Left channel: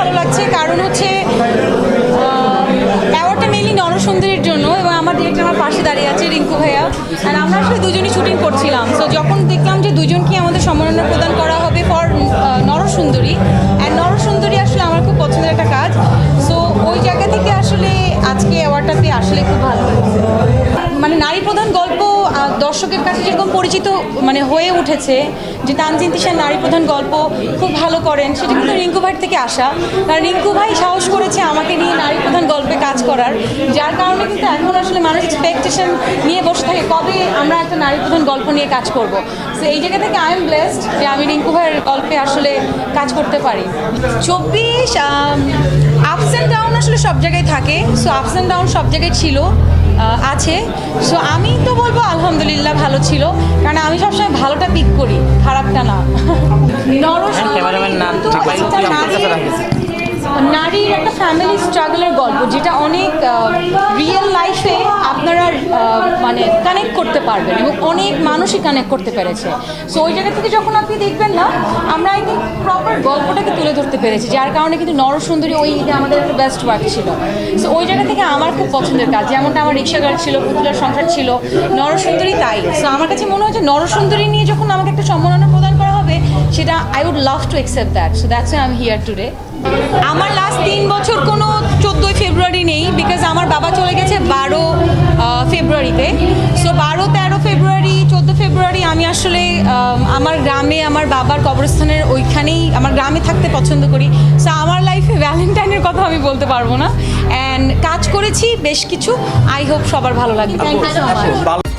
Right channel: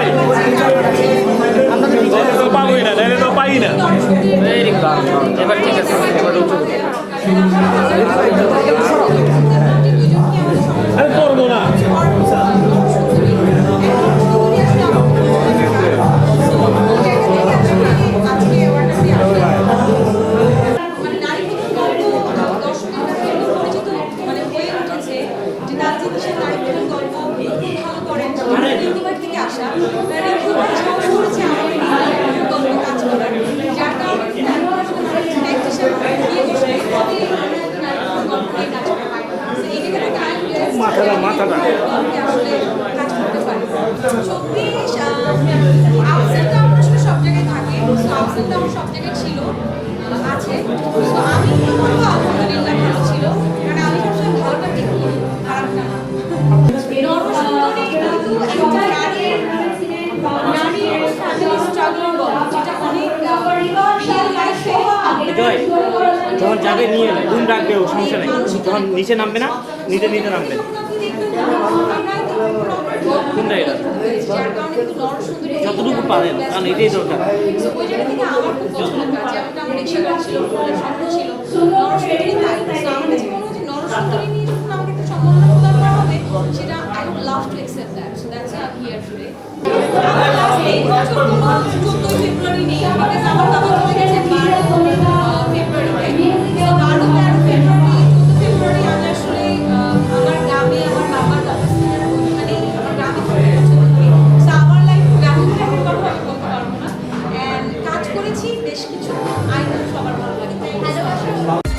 ভালো লাগছে কারণ হচ্ছে নরসুন্দরীর জন্য এবং আমাদের পাশে দাঁড়িয়ে আছে রিঙ্কু ভাইয়া। আমরা আসলে দুজনই শুটিং করছিলাম। তো যখন দেখলাম যে দুজনকে আমাদের সম্মাননা দর্শকের কাছে যেরকম পরিচিত মানে হয়ে উঠেছে যে তানজিন তিশার নারী প্রধান গল্প খুব ভালো করেন। সেটা কিন্তু রিঙ্কু ভাই থেকে আসা। কারণ রিঙ্কু ভাই সাহস করেছে আমাকে নিয়ে নারী প্রধান গল্পে কাজ করার। যার কারণে কিন্তু এখন আসলে মানুষ এক্সপেকটেশন নিয়ে বসে থাকে, কবে আমরা একটা নারী প্রধান গল্প নিয়ে কাজ করব। তো এই জায়গা থেকে আই এম ব্লেসড যে আমি রিঙ্কু ভাইয়ের গল্পে আসলে কাজ করতে পারি। চব্বিশ আপস অ্যান্ড ডাউন আসলে সব জায়গায় থাকে। সো আপস অ্যান্ড ডাউন সব জায়গায় ছিল। আছে। সো আমি তো বলব আলহামদুলিল্লাহ ভালো ছিল কারণ আমি সবসময় ভালোটা পিক করি খারাপটা না। নারীর একটা ফ্যামিলি স্ট্রাগলের গল্প যেটা মানে কানেক্ট করতে পারবেন এবং অনেক মানুষই কানেক্ট করতে পেরেছে। সো ওই জায়গা থেকে যখন আপনি দেখবেন না আমরা আই থিঙ্ক প্রপার গল্পটাকে তুলে ধরতে পেরেছি, যার কারণে কিন্তু নরসুন্দরী ওই ঈদে আমাদের বেস্ট ওয়ার্ক ছিল। সো ওই জায়গা থেকে আমার খুব পছন্দের কাজ, যেমনটা আমার রিক্সা ছিল, পুতুলের সংসার ছিল, নরসুন্দরী তাই। সো আমার কাছে মনে হয় যে নরসুন্দরী নিয়ে যখন আমাকে একটা সম্মাননা প্রদান করা হবে, সেটা I would love to accept that so that's I am here today আমার লাস্ট তিন বছর কোনো চোদ্দোই ফেব্রুয়ারি কবরস্থানের ওইখানেই আমার গ্রামে থাকতে পছন্দ করি। সো আমার লাইফে ভ্যালেন্টাইনের কথা আমি বলতে পারব না। অ্যান্ড কাজ করেছি বেশ কিছু। আই হোপ সবার ভালো লাগে থ্যাংক ইউ সো মাচ